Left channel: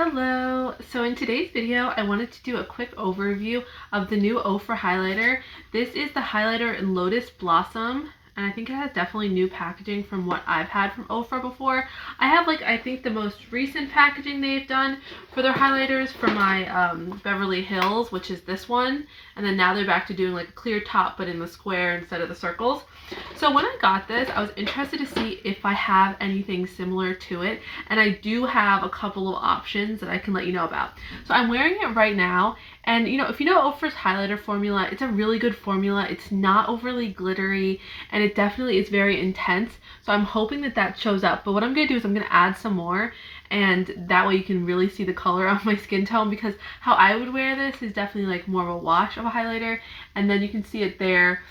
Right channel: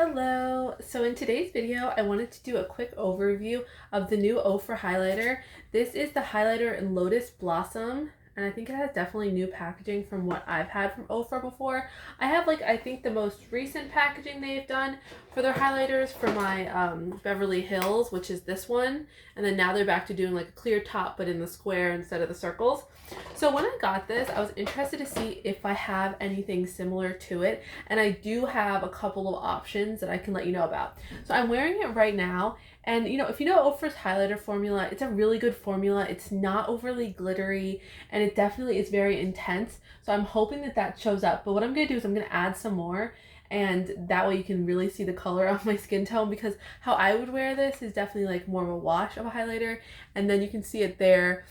Hello! So in today's video, I wanted to do a quick overview of the new Ofra highlighter. This is the highlighter in Lotus Blossom, and I think it has definitely new packaging from what I've had from Ofra before. I have I think the most recent packaging they've done for their highlighters for my Beverly Hills, which is this one. And then now they're back to doing like a clear top, but in the square instead of the circles. So when I got this, I was interested to see if I have anything similar to it. And I do have a couple of options that I can let you know about. So I'm wearing it right now. And if you know Ofra's highlighter formula, it's a really good formula. It's not overly glittery, and it definitely is very intense. So I'm hoping that that shows up. But what I'm going to do is I'm going to add some more, and that way you can really see the color of my skin tone, because how I would wear this is definitely like more of a wash of a highlighter, and then you can see it there.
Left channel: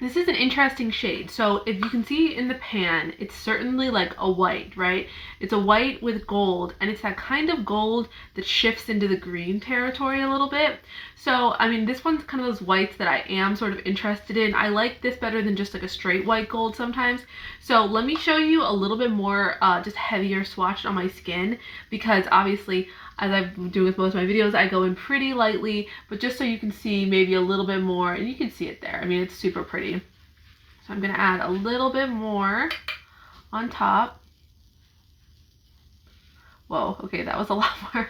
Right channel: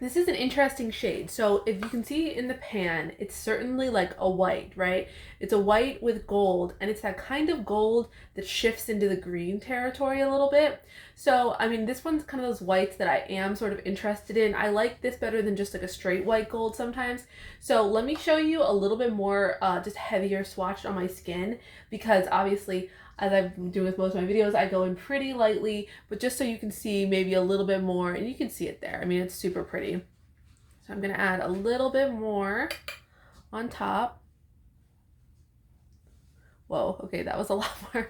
This is an interesting shade. So if you can see in the pan, it's certainly like a white, right? It's a white with gold, and it's that kind of gold that shifts into the green territory a little bit. So, I mean, this one's kind of those whites that I am sort of interested in. I like this better than just like a straight white gold sometimes. So let me show you a little bit more just heavier swatched on my skin, because obviously, as I've been doing with most of my videos, I go in pretty lightly, but just so you can see maybe a little bit more, and you can see it there. I mean, it's super pretty. So I'm gonna add a little bit more on top. Whoa, okay, that was a lot more,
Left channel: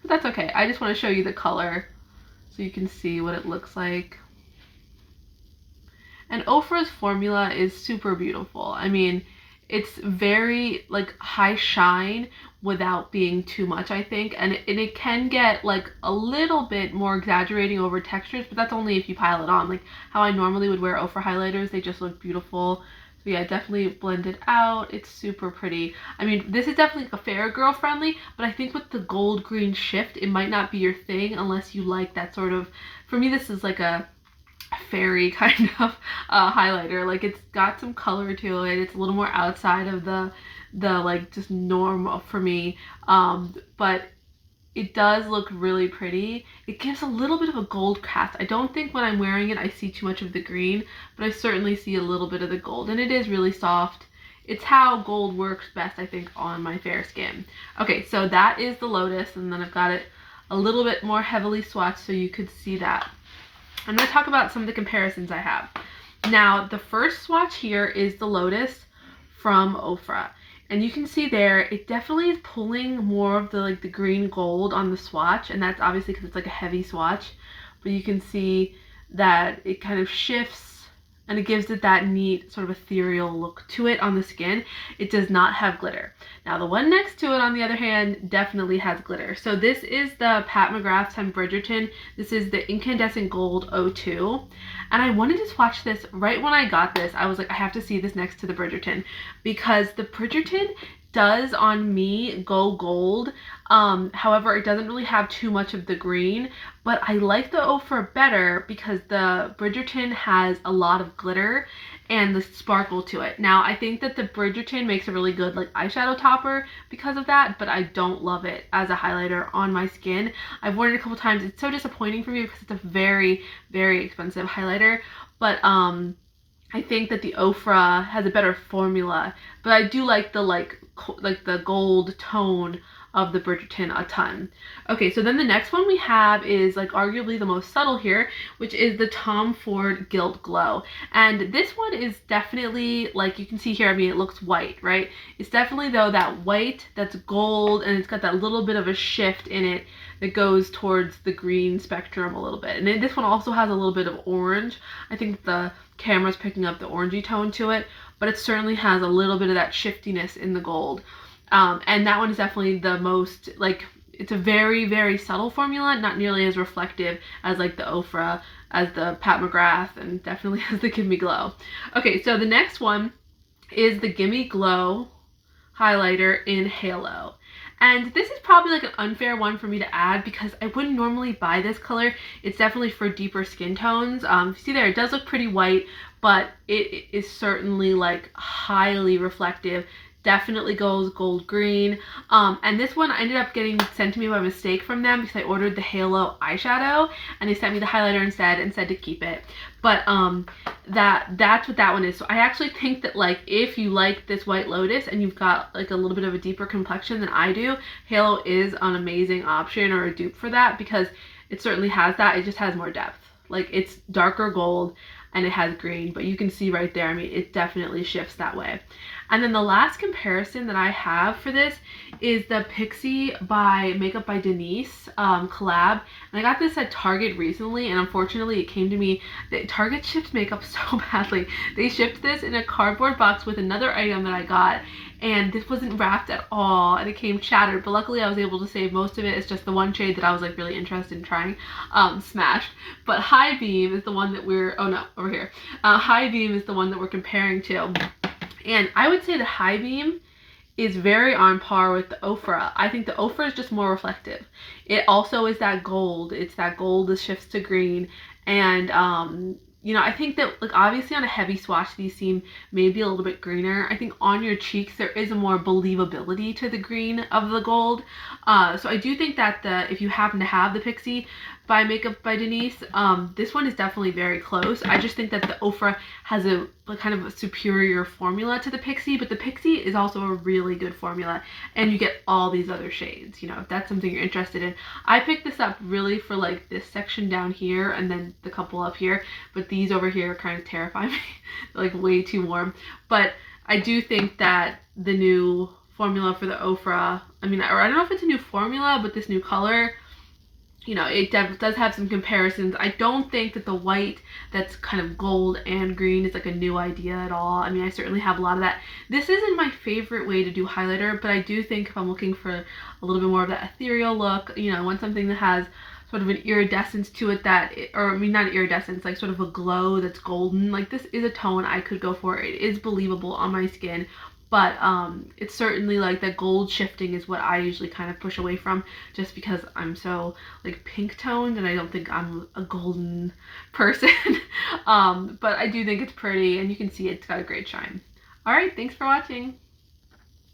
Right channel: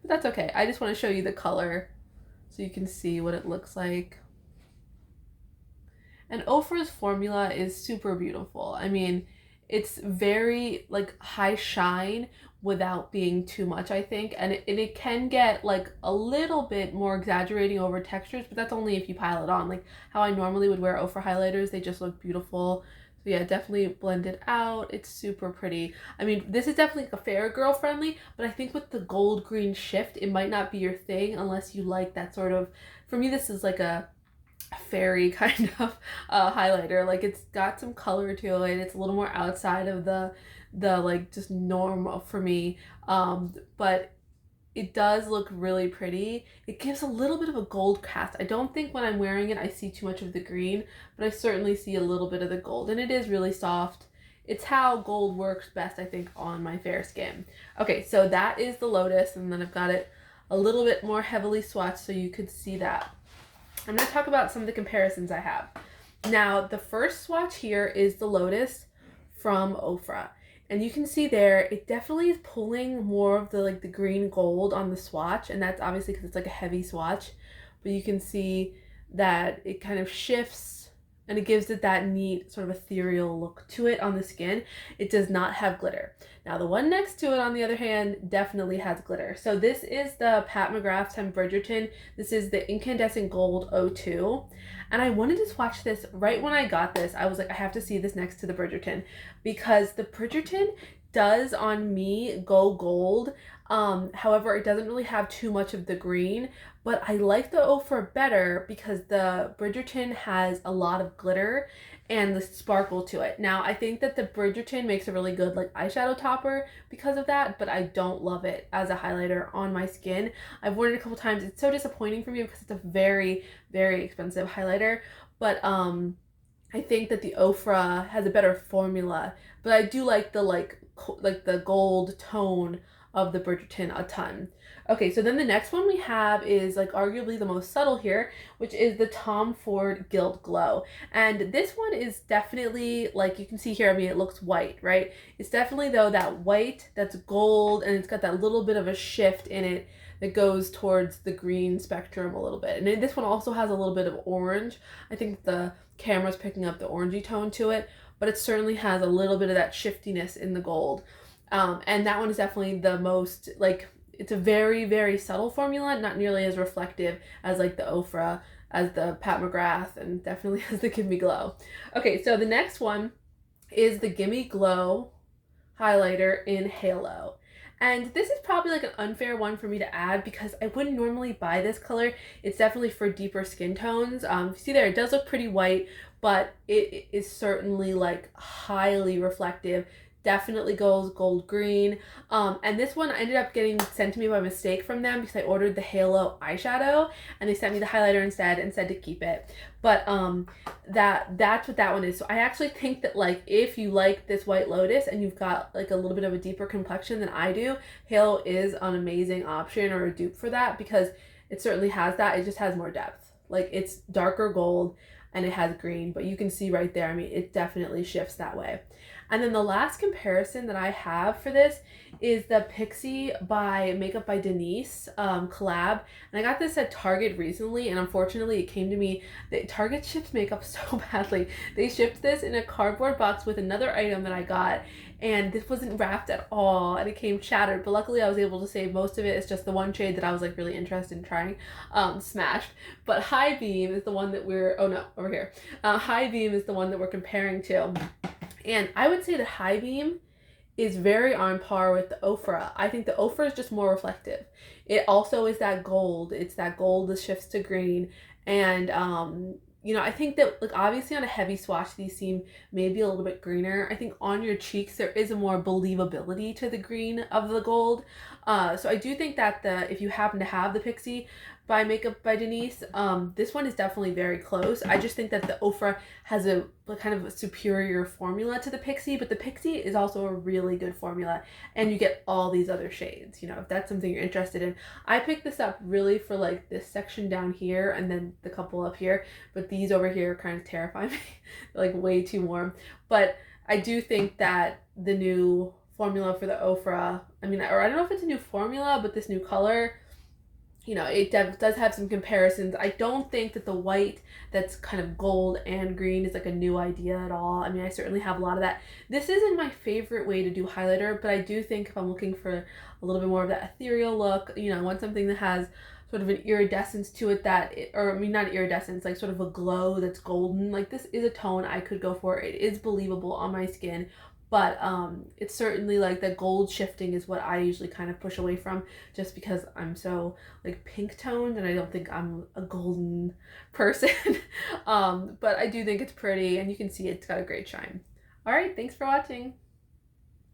but that's okay. I just wanna show you the color so you can see what it looks like. And Ofra's formula is super beautiful. I mean, it's very like high shine without being too much, I think. And it can get like a little bit more exaggerating over textures, but that's only if you pile it on. Like how I normally would wear Ofra highlighters, they just look beautiful. So yeah, definitely blend it out. It's super pretty. I mean, this is definitely a fair girl friendly, but I think with the gold green shift, it might not be your thing unless you like that sort of, for me, this is like a fairy kind of highlighter. Like it's got some color to it. It's a little more outside of the like just normal for me, but it does look really pretty. It gives a little bit of a gold cast. I don't think when I'm wearing it I see too much of the green, but I certainly see a little bit of the gold, and it is really soft. It's how gold works best, I think, on my fair skin. Okay, so that is the Lotus, and then I've got it a little bit more heavily swatched so you could see that. I'm going to talk about some of the comparisons I have. Now, the first swatch here is the Lotus from Ofra. And you can see there, it definitely is pulling more of the the green gold on the swatch. And that's obviously because it's like a heavy swatch. But you can see that it kind of shifts, and it gives it that neat sort of ethereal look to it on the skin. It does not have glitter. Now the one next to it, on the other hand, definitely has glitter. So this is the Pat McGrath x Bridgerton. This is the Incandescent Gold 02. And I wanted to swatch this right when I got this. I was like, I have to see this next to the Bridgerton, because the Bridgerton does on me go gold. However, it doesn't really have too much of the green, but I like the Ofra better because the Bridgerton has a lot of glitter and the sparkle to it. Now, I think that the Bridgerton makes a really good like eyeshadow topper because of that, but I don't love it as a highlighter on my skin. I've worn it a couple times. It's so disappointing for me because it's a very, very expensive highlighter, but I think that the Ofra has a better formula, but I do like the gold tone of the Bridgerton a ton. Okay, so then the next one we have is like arguably the most subtle here, which is the Tom Ford Gilt Glow. And this one is definitely, like you can see here, I mean, it looks white, right? It's definitely though that white that's gold, and it's got that little bit of a shift in it that goes towards the green spectrum a little bit. And then this one also has a little bit of orange. I think the camera's picking up the orangey tone to it, but it certainly has a little bit of that shiftiness in the gold. And that one is definitely the most, like, it's a very, very subtle formula, not nearly as reflective as like the Ofra, as the Pat McGrath, and definitely as the Gimme Glow. Okay, so the next one is the Gimme Glow highlighter in Halo. And this is probably like an unfair one for me to add because I wouldn't normally buy this color. It's definitely for deeper skin tones. See there, it does look pretty white, but it is certainly like highly reflective. definitely goes gold green. And this one ended up getting sent to me by mistake from them because I ordered the Halo eyeshadow and they sent me the highlighter instead and said to keep it. But that's what that one is. So I actually think that like if you like this White Lotus and you've got like a little bit of a deeper complexion than I do, Halo is an amazing option or a dupe for that because it certainly has that. It just has more depth. Like it's darker gold and it has green, but you can see right there, I mean, it definitely shifts that way. And then the last comparison that I have for this is the Pixie by Makeup by Denise collab. And I got this at Target recently, and unfortunately it came to me that Target shipped makeup so badly. They shipped this in a cardboard box with another item that I got, and this wasn't wrapped at all, and it came shattered. But luckily I was able to save most of it. It's just the one shade that I was like really interested in trying, smashed. But High Beam is the one that we're, oh no, over here. High Beam is the one that we're comparing to. And I would say the High Beam is very on par with the Ofra. I think the Ofra is just more reflective. It also is that gold. It's that gold that shifts to green. And, you know, I think that like obviously on a heavy swatch, these seem maybe a little bit greener. I think on your cheeks, there is a more believability to the green of the gold. So I do think that if you happen to have the Pixie by Makeup by Denise, this one is definitely very close. I just think that the Ofra has a kind of a superior formula to the Pixie, but the Pixie is also a really good formula, and you get all these other shades, you know, if that's something you're interested in. I picked this up really for like this section down here and then the couple up here, but these over here kind of terrify me. They're like way too warm. But I do think that the new formula for the Ofra, I mean, or I don't know if it's a new formula, but this new color, you know, it does have some comparisons. I don't think that the white that's kind of gold and green is like a new idea at all. I mean, I certainly have a lot of that. This isn't my favorite way to do highlighter, but I do think if I'm looking for a little bit more of that ethereal look, you know, I want something that has sort of an iridescence to it or I mean, not iridescence, like sort of a glow that's golden. Like this is a tone I could go for. It is believable on my skin. But it's certainly like the gold shifting is what I usually kind of push away from just because I'm so like pink toned and I don't think I'm a golden person. But I do think it's pretty and you can see it's got a great shine. All right, thanks for watching.